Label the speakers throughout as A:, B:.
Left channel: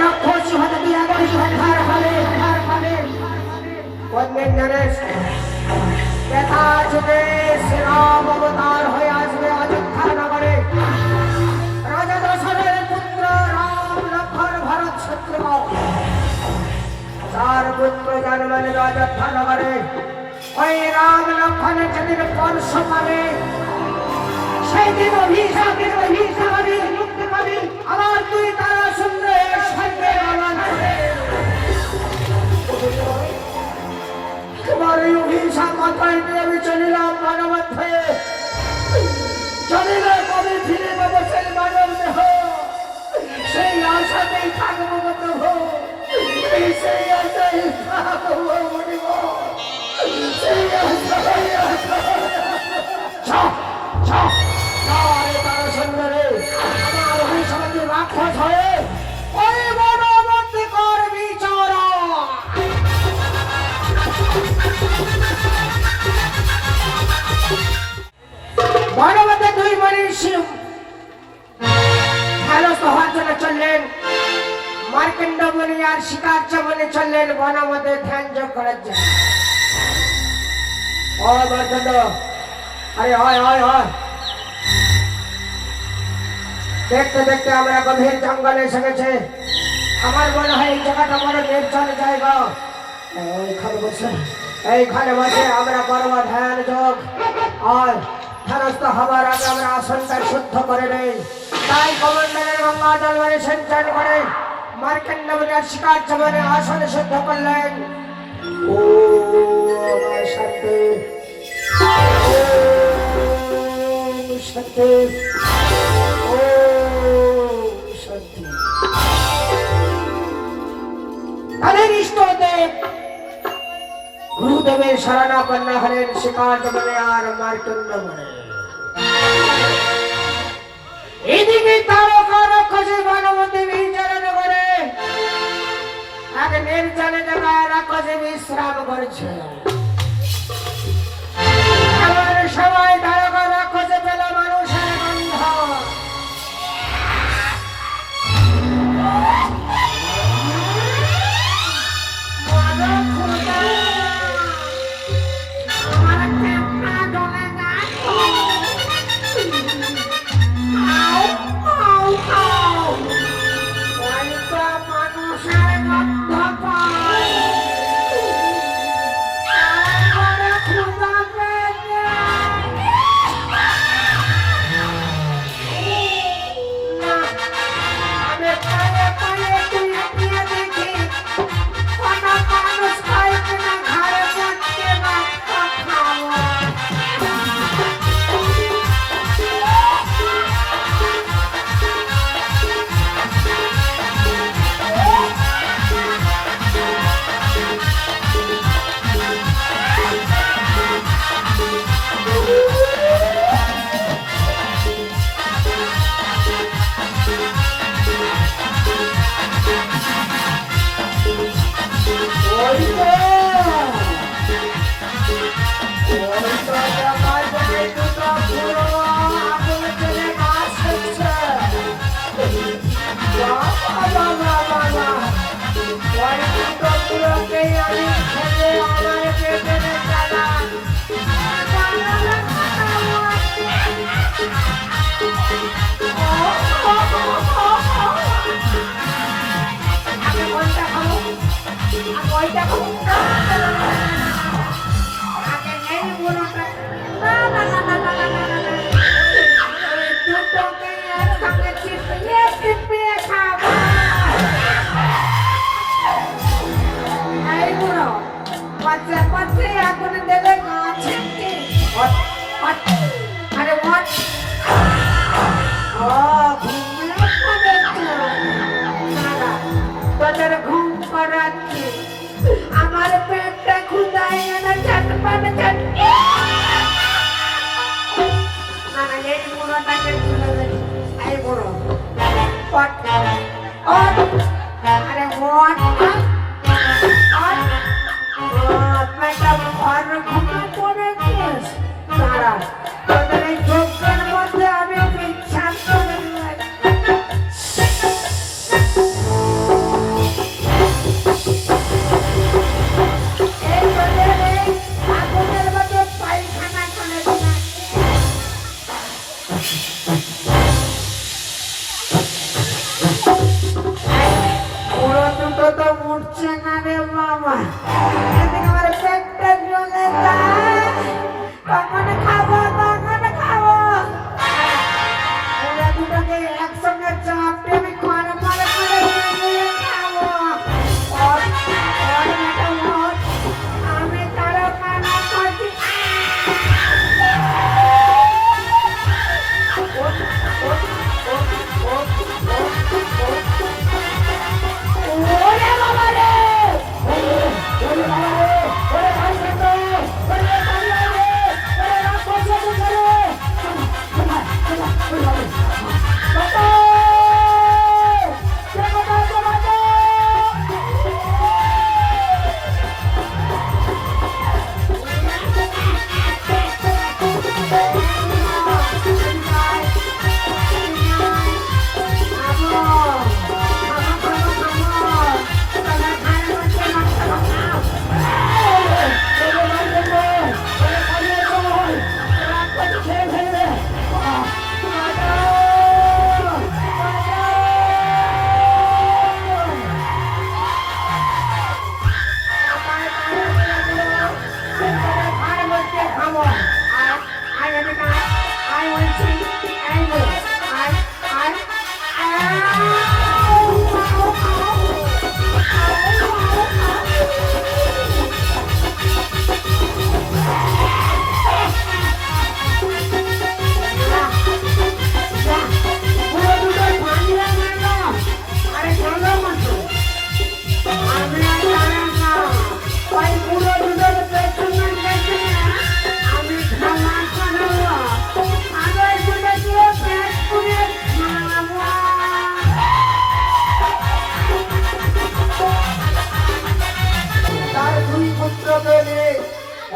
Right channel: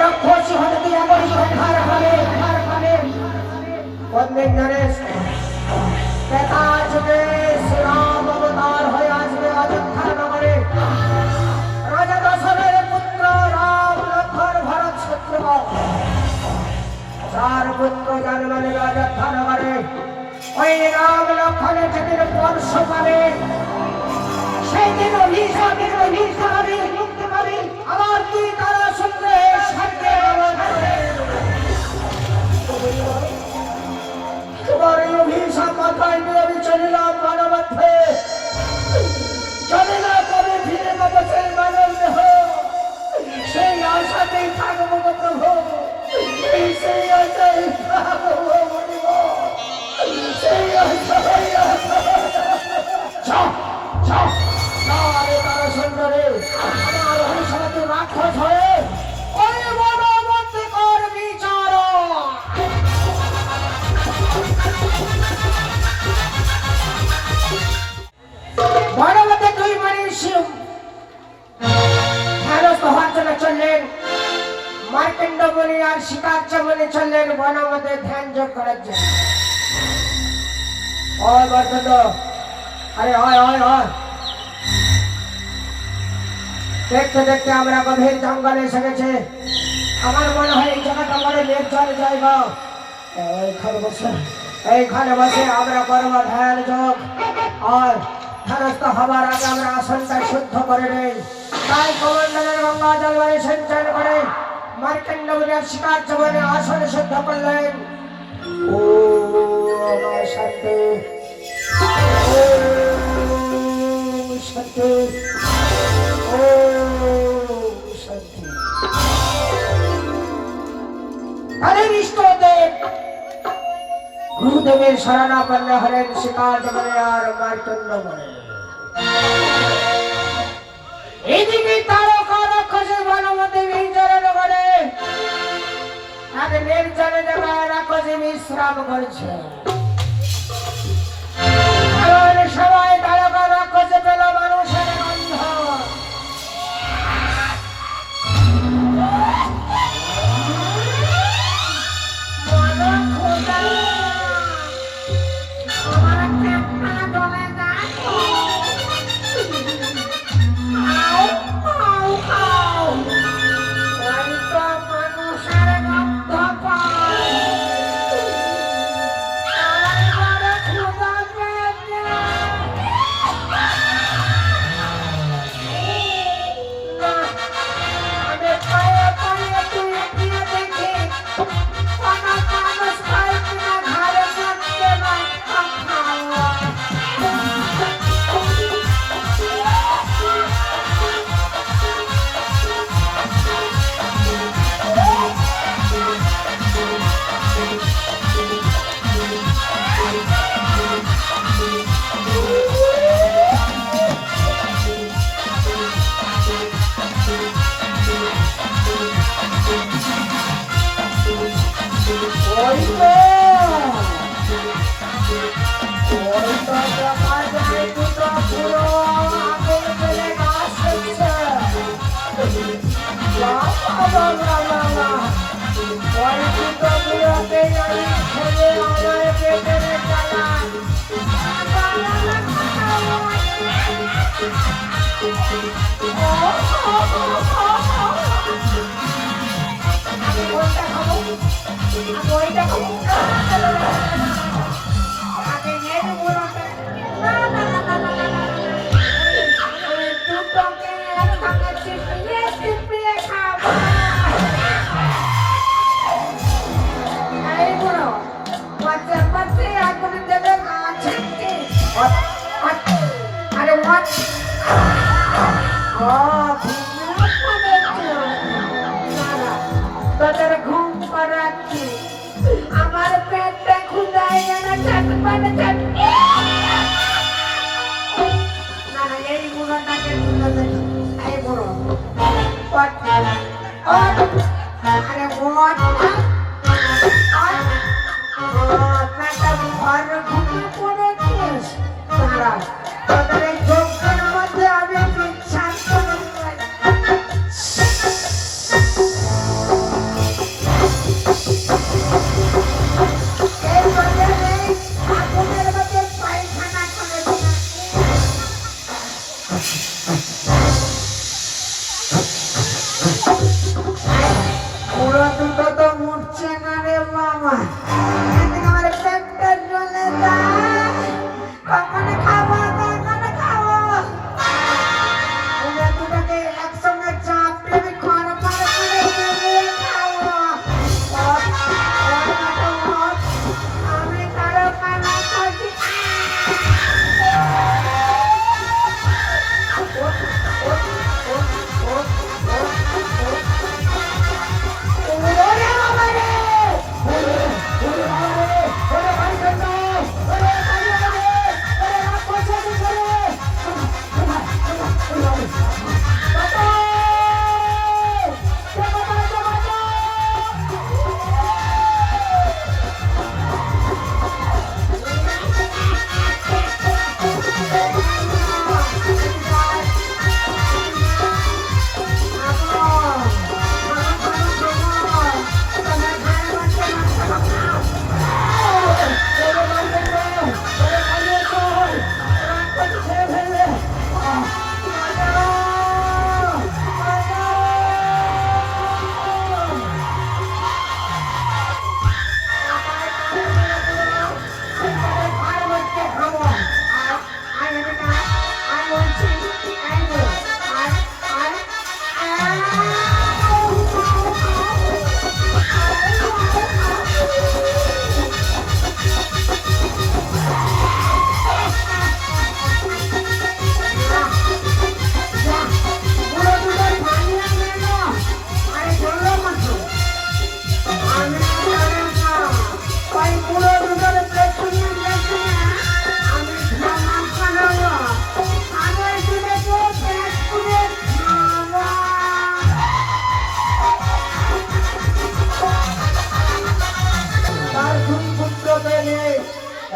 A: রাক্ষস হতে দিয়ে করি সংহার হবে সংহার হবে কোনদিন জানিস বেতা যুগে শ্রীরাম অবতার হয়ে আসবে অযোধ্যা নগরে। রাজা দশরের পুত্র রাম লক্ষণ ভরত শত্রুঘ্ন। চার পুত্র জন্ম নেবে অযোধ্যা নগরে। ওই রাম লক্ষণের যেদিন বর্ষ পাবে সেই দিন অভিশাপ অভিশাপে মুক্তি পাবে। আমার দুই তারা সুন্দর স্বর্গে তোমার এই অভিশাপ মাথায় নিয়ে আমি চলিলাম মানবদ্ধে জানি না কবে ফিরে পাবো সেই মানব দেহ সেই আশাতেই থাকব প্রভু। সেই আশাই থাকব। রাক্ষস হয়ে ওই বনবন্দি কর বিচার বনবতে দুই মনীষী হেনস্থ হওয়ার জন্য চললেন। মার্কেন্ড মণি আর শিকার চমনে চললেন ধ্যান যোগ করার জন্য ও মার্কেন্ড আরে, হয় হয় হয়। দেখতে দেখতে আমরা গভীর জঙ্গলে এসে গেছে। আমার মনে হয় এই জায়গাটা বড় নির্জন জায়গা। এইখানে বসে এইখানে বসে আমরা করব ধ্যান যোগ। আর হবার আগে আমরা আসনটা শুদ্ধ করে নেই। তাই কমন্ডলের গঙ্গা জল মানে করে মার্কেন্ড মুনিয়ার শিকার চবনে আসন শুদ্ধ করলেন। ও শান্তি ও শান্তি ও শান্তি তাদের ইষ্টদেব গুরুদেবের শরণাপন্ন হলেন শিকার বলে আর মার্কণ্ড বলে। এদিকে তারকা রাক্ষসের বনমতে বিচরণ করে। এক নির্জনে জায়গায় রাক্ষসে বিশ্রাম করছে। এমন সময় বাচ্চা
B: পাত্রে আগুন?
A: What?
B: What? আরে। দাঁড়া, তোদের ঘুম পাড়াচ্ছি। আমার পেটটা ক্ষুধায় গেল চটপট চট না না এই বুড়োটাকে তুলে দে এই বুড়ো? আরে what? আপনারটা ঘর ঘুমে পড়েছিস দাঁড়া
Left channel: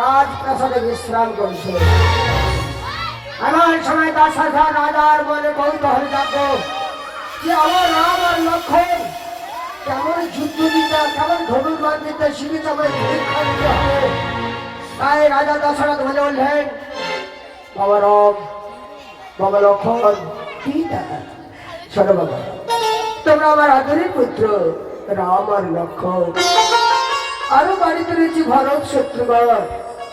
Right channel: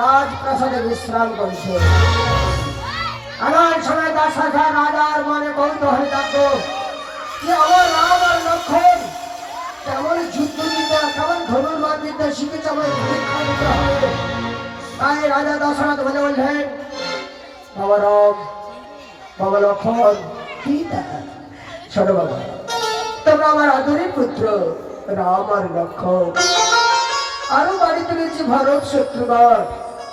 A: রাজপ্রাসাদে বিশ্রাম করছে। এমন সময় হাজার রাজার মনে কৌতূহল থাকতো যে আমার রাম আর লক্ষণ, কেমন যুদ্ধ দিতে, কেমন ধনুর্বাদ দিতে শিখেছে আমার পরীক্ষা দিতে হবে। তাই রাজা দশরথ বলে বললেন বাবা রাম, বাবা লক্ষণ, কি শোনো বাবা, তোমরা আমার আদরের পুত্র, রাম আর লক্ষণ। আরও বাড়িতে রয়েছে ভরত শত্রুঘ্ন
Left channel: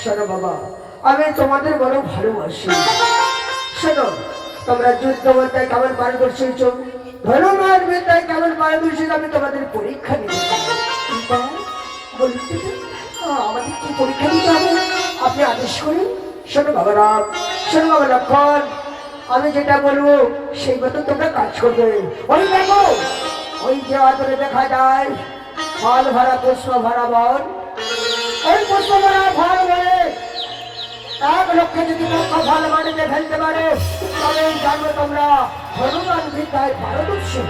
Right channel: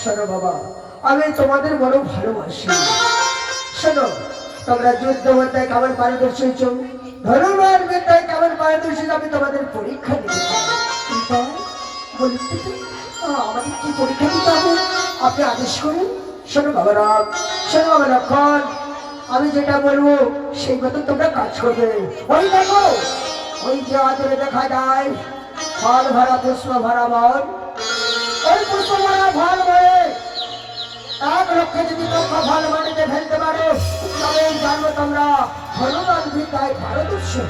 A: শোনো বাবা আমি তোমাদের বড় ভালোবাসি। শোনো তোমরা যুদ্ধ বিদ্যায় কেমন পারদর্শী ধনুর্বাদ বিদ্যায় কেমন পারদর্শী আমি তোমাদের পরীক্ষা নিতে আহ, আমাদের কি পরীক্ষা দিতে হবে? আপনি আদেশ করুন। শোনো বাবা রাম শোনো বাবা লক্ষণ আমি যেটা বলব সেই মতো তোমরা কাজ করবে। ওই দেখো ওই যে আদরে দেখা যায় ফল ভরা পুষ্প ভরা বন ওই পুষ্প ভরা ফল এক লক্ষে যদি পক্ষ ফল মাটিতে ফেলতে পারো, তবে জানব তোমরা হনুমান বিদ্যায় পারদর্শী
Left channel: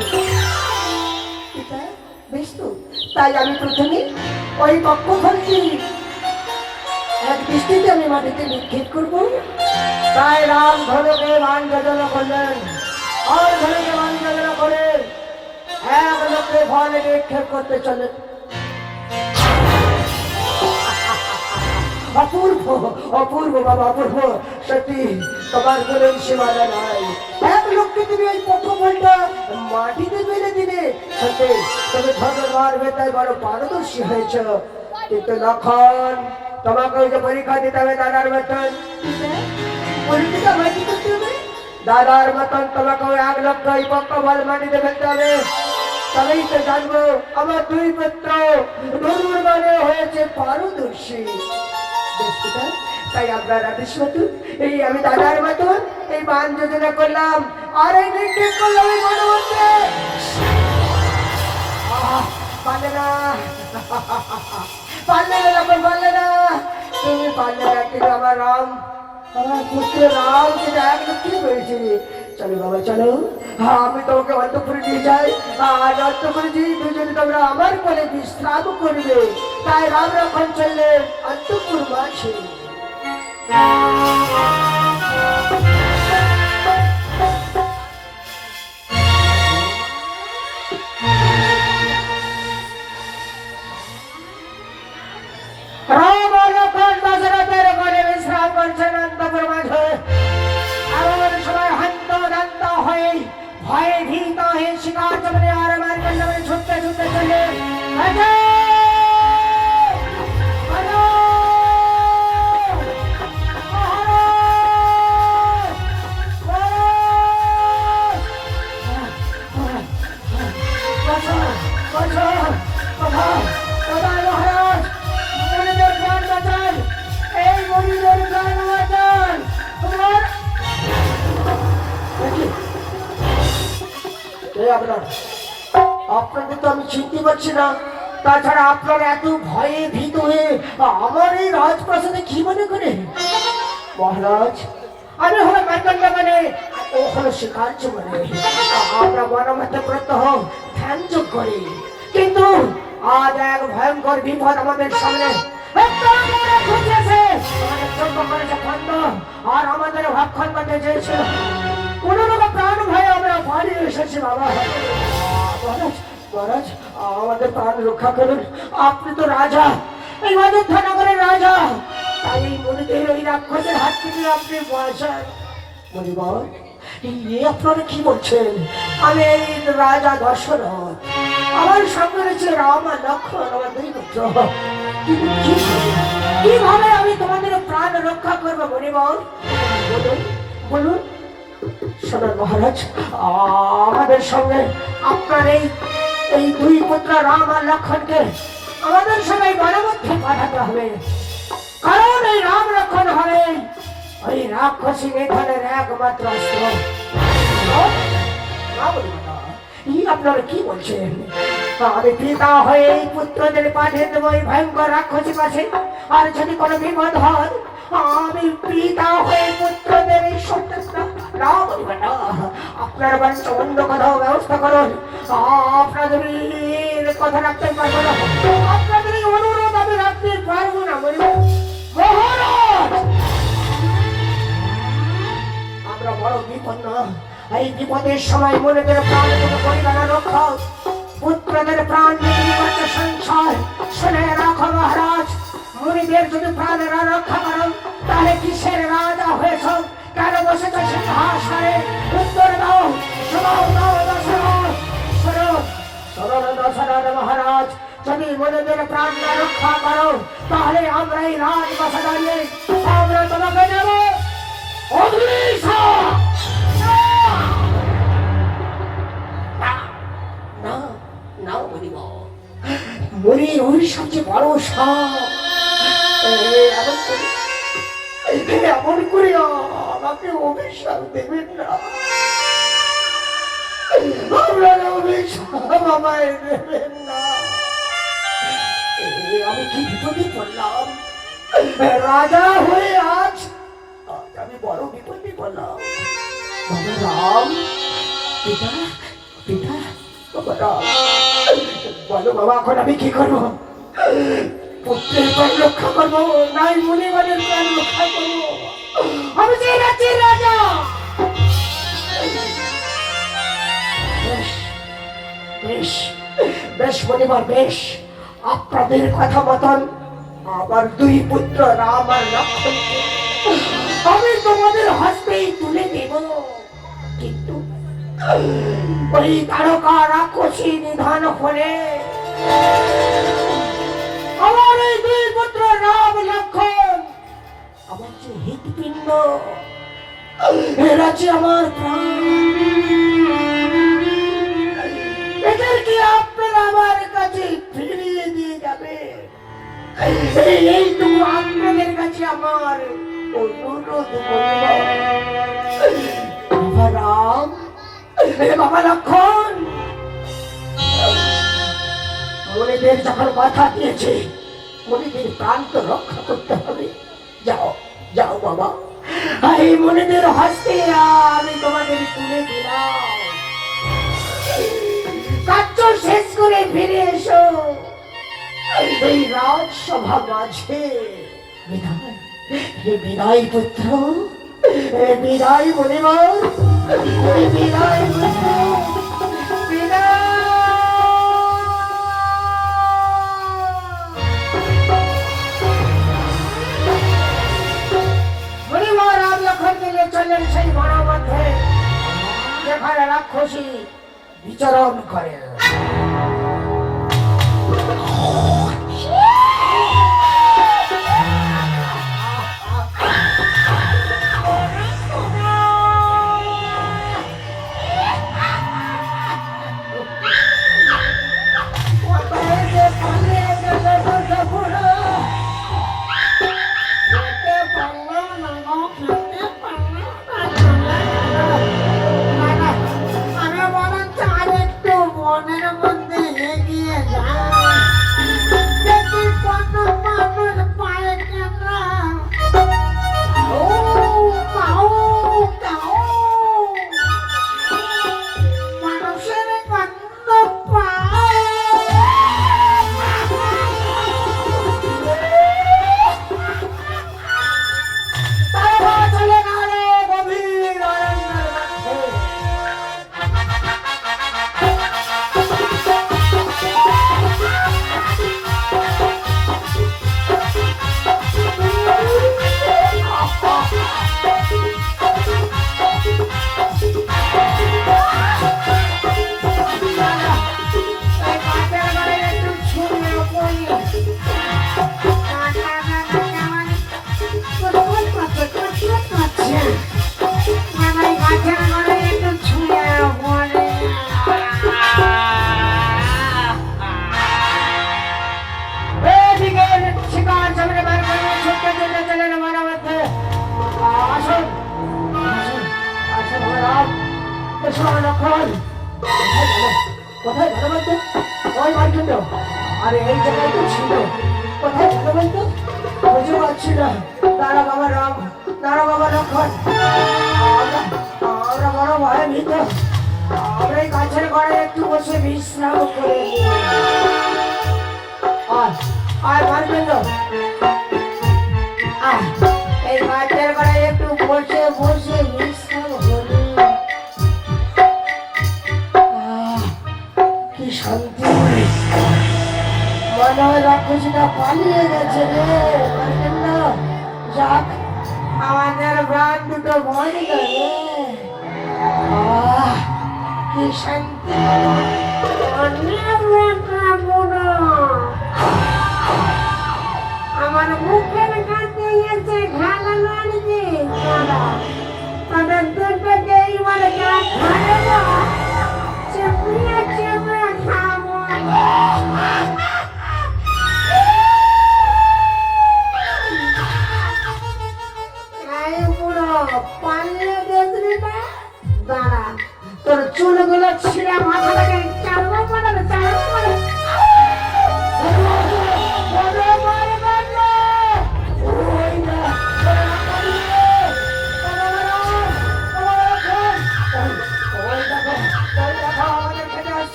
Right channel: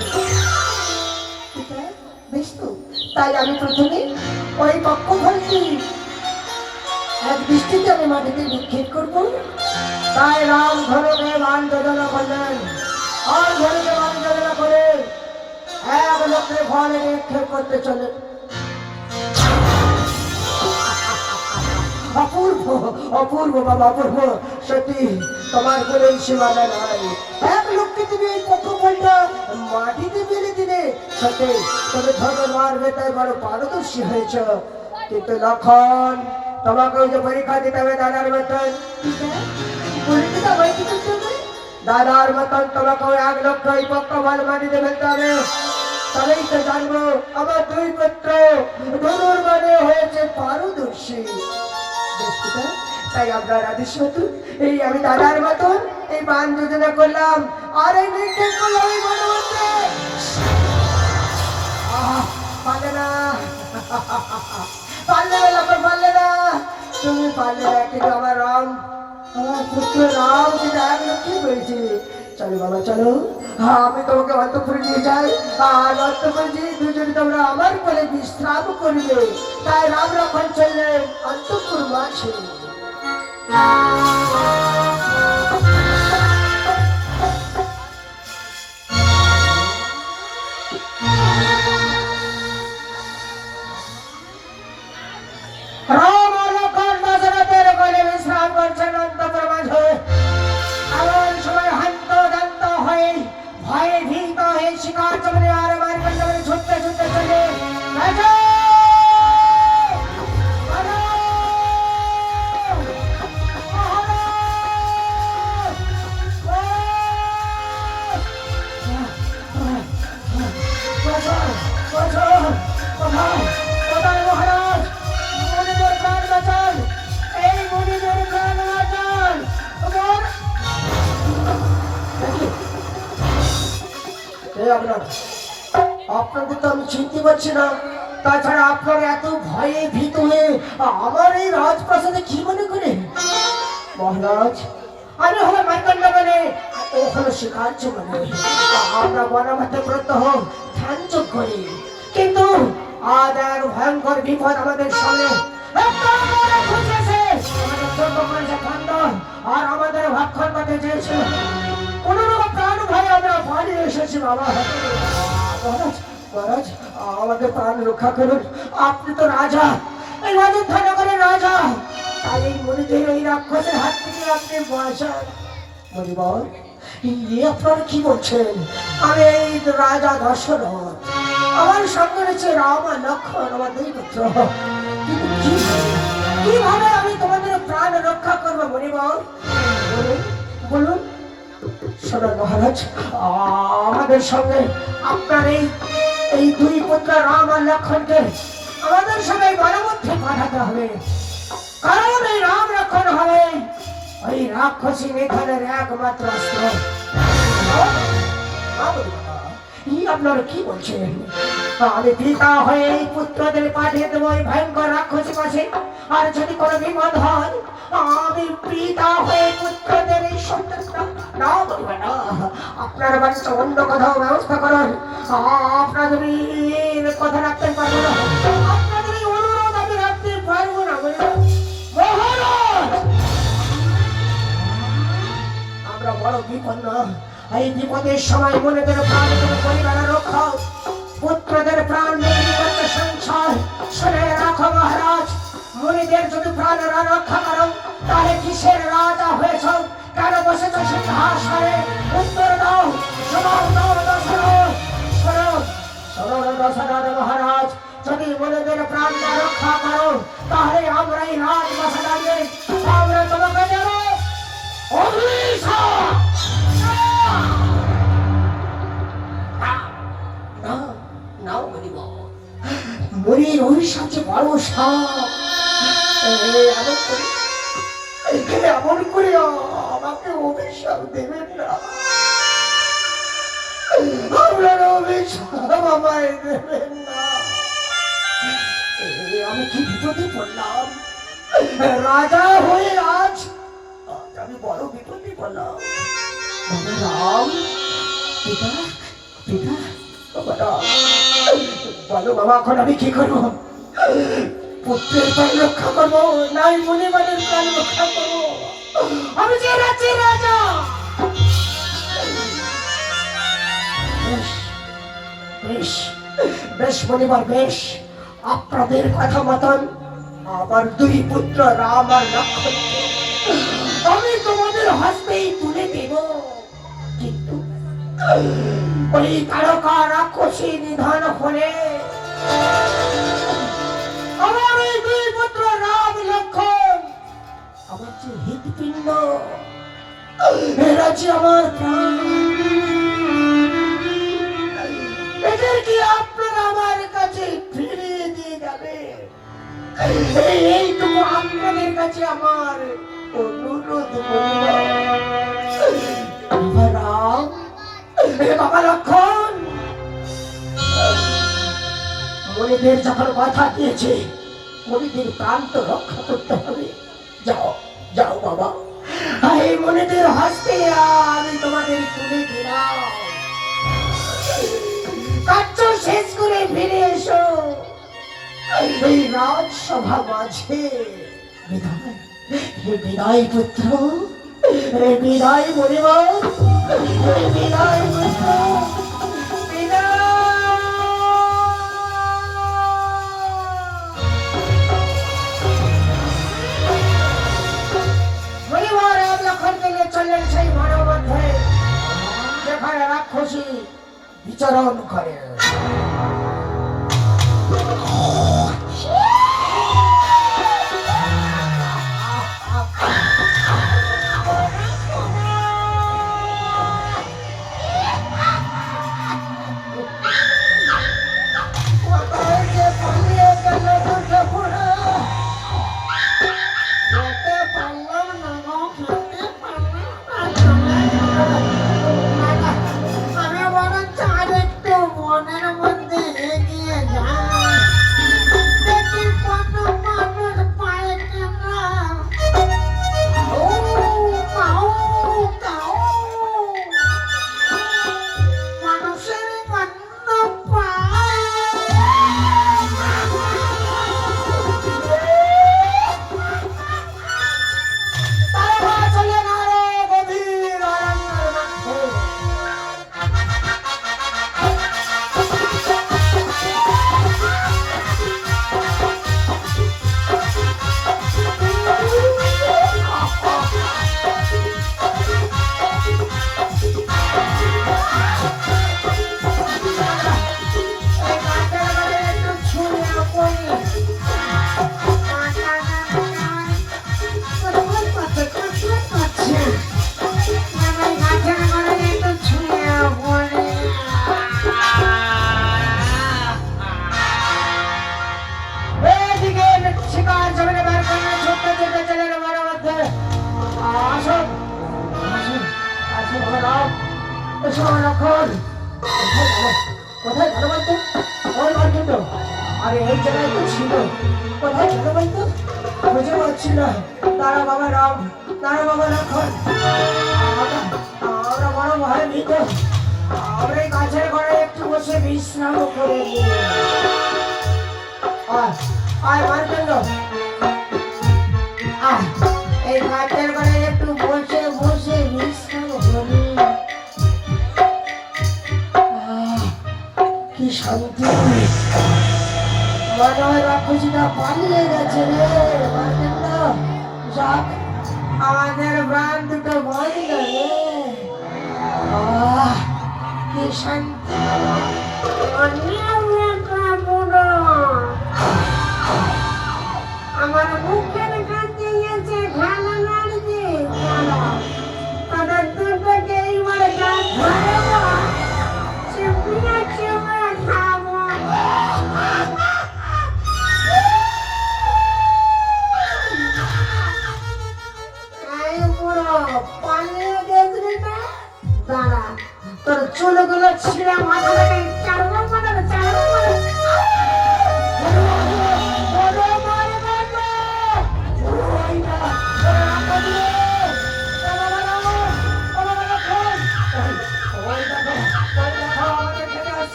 A: তো, তাই আমি প্রথমে ওই পক্ষ ফলটি এক দৃষ্টিতে আমি মাটিতে নিক্ষেপ করব। তাই রাম ধনুকে মান যোজনা করলেন। আর ধনুকে মান যোজনা করে এক লক্ষে ফল নিক্ষেপ করতে চলে অপূর্ব অপূর্ব বাবা, অপূর্ব। সত্যি, তোমার কোনো সীমানা নাই। এক লোককে তুমি ওই ফলটা মাটিতে মেরে দিলে, সত্যি, তবে মারবে, তাই বড় পারদর্শী হয়েছ। কিন্তু লক্ষণ, তোমাকে যে পরীক্ষা দিতে হবে দাদার মতন। দাদার মতন তোমাকে এক লক্ষ ওই পক্ষ মাটিতে ফেলতে হবে। তবেই তো জানব, আমার দুই পুত্র, ধনুর মানে হয়েছে পারদর্শী। বেশ তাই আপনার আদেশ এই আমি দাদার মতন এই বান যোজনা করলাম। আর এই নিক্ষেপ করলাম এই মনে মধ্যে। পারলে না। পারলে না লক্ষণ পারলে না। তুমি পারলে না, কিন্তু আমার রাম, আমার পুত্র রাম যেটা এক লক্ষ্মী পেয়েছি চলো বাবা, চলো। হ্যাঁ আমি তোমাকে অন্তপুরে নিয়ে যাই। আর অন্তপুরে দিয়ে দুজনে তোমরা আমার কোলে বিশ্রাম করিবে। তাই রাম রাখন চললেন অন্তপুর মাঝে। রাজা! রাজা! হলো শিকার্য মানে আমরা বনমধ্যে প্রত্যহ ধ্যান যোগ করি। কিন্তু আজ এক ভয়ঙ্কর বিপদ আমাদের সামনে আর আমাদের করতে চেয়েছিল কোন রকম প্রাণ ভয়ে আমরা পালিয়ে এসেছি বাবা। মহারাজ মহারাজ, আমাদের প্রাণ রক্ষা করুন। আপনি তো রাজা, এই অযোধ্যা নগরের রাজা। তাই এই মনিদের ওই রাক্ষসের হাত থেকে আপনি বাঁচান মনিবর ইয়ে আপনারা কি বলছেন? আমি এই রাজা দশরথ। আমার সঙ্গে রয়েছে রাম আর লক্ষণ আমার দুই পুত্র। কীভাবে আমি তোমাদের প্রাণ রক্ষা করব মনিবর বলুন বলুন। শোনো মহারাজ, আমাদের সঙ্গে আপনার এই এই দুই পুত্র রাম আর লক্ষণকে আমাদের সঙ্গে বনমধ্যে পাঠাতে হবে। কারণ এই রাম লক্ষণ হবে ওই রাক্ষসী নিধনের একমাত্র অস্ত্র। আপনারা কি বলছেন? আমি পিতা হয়ে এই পুত্রদের পাঠিয়ে দেবো এই ভয়ঙ্কর রাক্ষসী কাছে আর যদি কোনো বিপদ হয়, আমি পিতা হয়ে পুত্রদের এই না বলবে না। আপনার বাড়িতে অন্য কোথাও ব্যবস্থা করুন। আপনাদের কথা রাখতে পারব না। বড় বিপন্ন। এই বিপদের সময় মনেদের প্রাণ কোনো পরিবার রক্ষা। পুত্রদের প্রাণ নিয়ে করছে সংসার শুনে রাখো মহারাজ, মুনিদের যদি প্রাণেরা রক্ষা করো, তাহলে কিসের রাজা হয়েছ? কেন বসেছ সিংহাসনে? উত্তর দাও, শোনাও, দাও দশরথ দশরথ মহারাজ, যদি মনেদের প্রাণ না রক্ষা করো, তাহলে আমরা এই রাজবাসা দাঁড়িয়ে আমরা তোমাকে দেবো। মরির অভিশাপ যে বড় এমন করে আমাকে অভিশাপ দেবেন না আপনার অভিশাপ আমায় দেবেন না আমি কি বিপদে পড়লাম রাজা হয়ে আজ বড় বিপদে পড়লাম বাবা রাম, পিতা পিতা, বাবা রাম। বলো বাবা, এখন আমি কি করব? পুত্রের প্রাণ রক্ষা করব? নাই মুনিমানের প্রাণ রক্ষা করব? আমি যে রাজ্যের রাজা! বেশ বেশ মনিবার, বেশ। আপনাদের কথা মতন আমার দুই পুত্র রাম আর লক্ষণ আমি তোমাদের হস্তেই তুলে দেব। কিন্তু ওই তারকা রাক্ষসী নিধান হলে আমার ওই দুই পুত্র রাম লক্ষণ, আমার যে হৃৎপিণ্ড, এরা যে আমার প্রাণ। এদেরকে আপনারা আমার কাছে ফিরিয়ে দিয়ে যাবে এই তো আপনাদের কাছে আমার অনুরোধ যখন কথা দিয়েছে মনিদের প্রাণ তো রক্ষা করতে হবে যাও যাও বাবা এই মনিদের হস্তে আমি তোমাদের তুলে দিলাম কার্য শেষ করে ফিরে এসো এই রাজসভা মাঝে বিদায় হে বিদায় পুত্র বিদায় পরিবার বিদায় পুত্র চললেন সেই বনের মধ্যে যেখানে রাক্ষসী বিচরণ করে। লক্ষণ। কোথায় গেল বলতো? ওই মার্কেট আরে, এই জায়গায় তো ছিল। কোথায় না। তারা বাবা, রাম। তারা বাবা লক্ষণ আমরা বড় ভয় নিত। আমরা এই গাছের ঘরে একটু বসে বিশ্রাম করে নিই। আয় আয় গেছে আমাদের প্রাণ দুটো রে। আহ, কি
B: আমার মুখের কাছে এসে ঘালা তাদের দুটোকে এইবার গাছ চেপিয়ে চেপে তোর চুলগুলো ছিঁড়া মাথা থেকে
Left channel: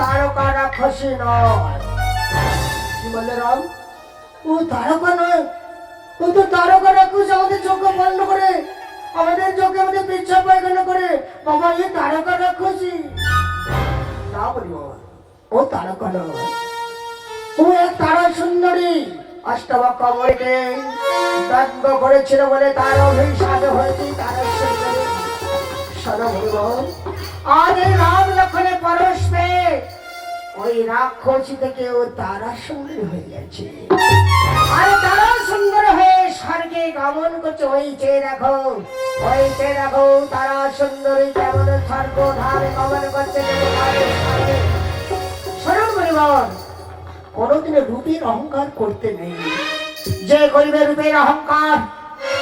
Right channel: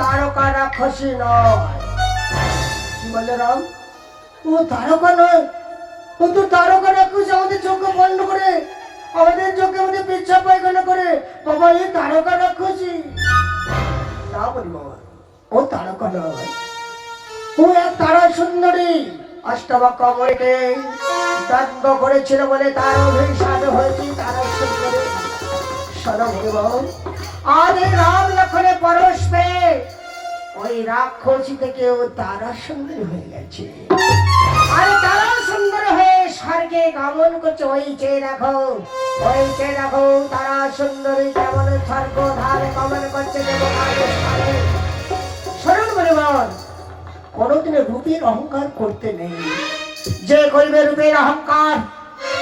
A: কিন্তু তারকা রাক্ষসী নয়। কি বলে রাম? ও তারকা নয়। ও তো তারকা রাক্ষস আমাদের চোখ বন্ধ করে, আমাদের চোখে আমাদের পেচ্ছাপ পায়খানা করে। বাবা, এ তারকা রাক্ষসী না বলি বাবা, ও তারকা নয়। ও এক তারা সুন্দরী অষ্টমা কমলকে ব্যঙ্গ করেছিল বলে তার অভিশাপ হয়েছে তারা সুন্দরী। সরবর আর রাম লক্ষণে পরশ ওই তারা সুন্দরী হয়ে গেছে। আর তারা সুন্দর হয়ে স্বর্গে গমন করছে, ওই চেয়ে রাখো ওই চেয়ে রাখো তারা সুন্দরী স্বর্গ ধারে গমন করছে রূপের অহংকার করতে নেই। যে করবে রূপের অহংকার,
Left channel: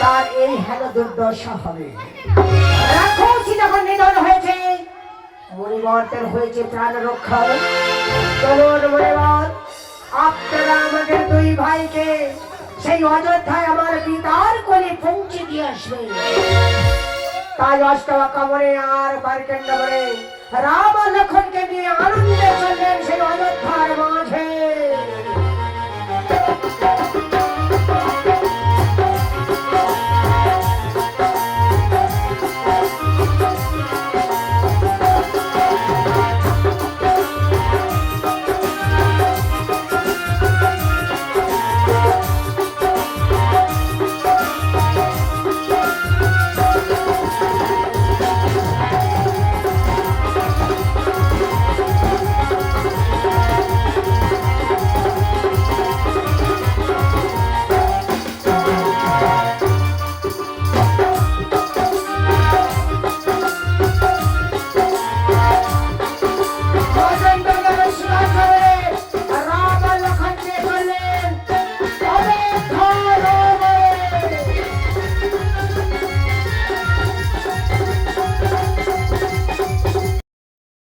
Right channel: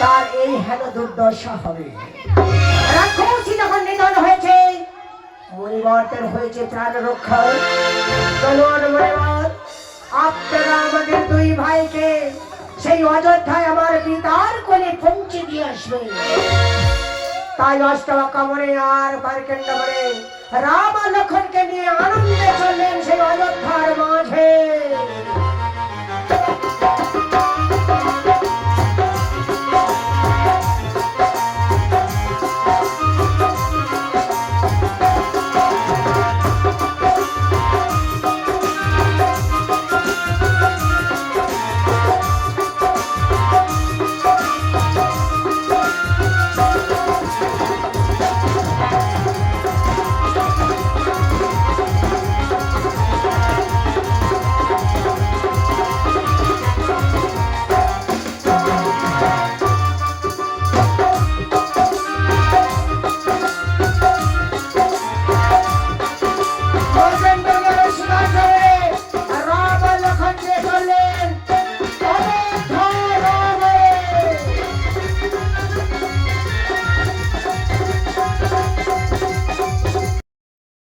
A: তার এই হেন দুর্দশা হবে। রাক্ষসী যখন নিধন হয়েছে পরিবর্তন হয়েছে প্রাণ রক্ষায়। তোমার দুই ভাইকে সেই অযোধ্যায় আমার পিতার কোলে পৌঁছে দিয়ে আসবে তাই অষ্টম কামনে আর পারকেন্দ্র রাম লক্ষণকে নিয়ে আনন্দে চললেন সেই অযোধ্যার মাঝে।